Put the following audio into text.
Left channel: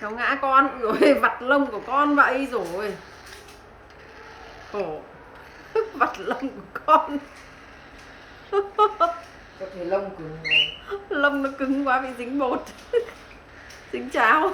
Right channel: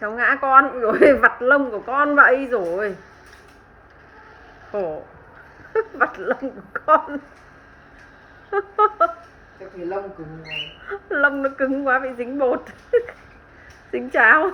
Cháu ngã con rồi, vặt lông của con vậy rồi. Khổ. Vặt lông của con. Cho thì lông cứng rồi. Lông nó cứng quá bị dính bột. Dính cháo.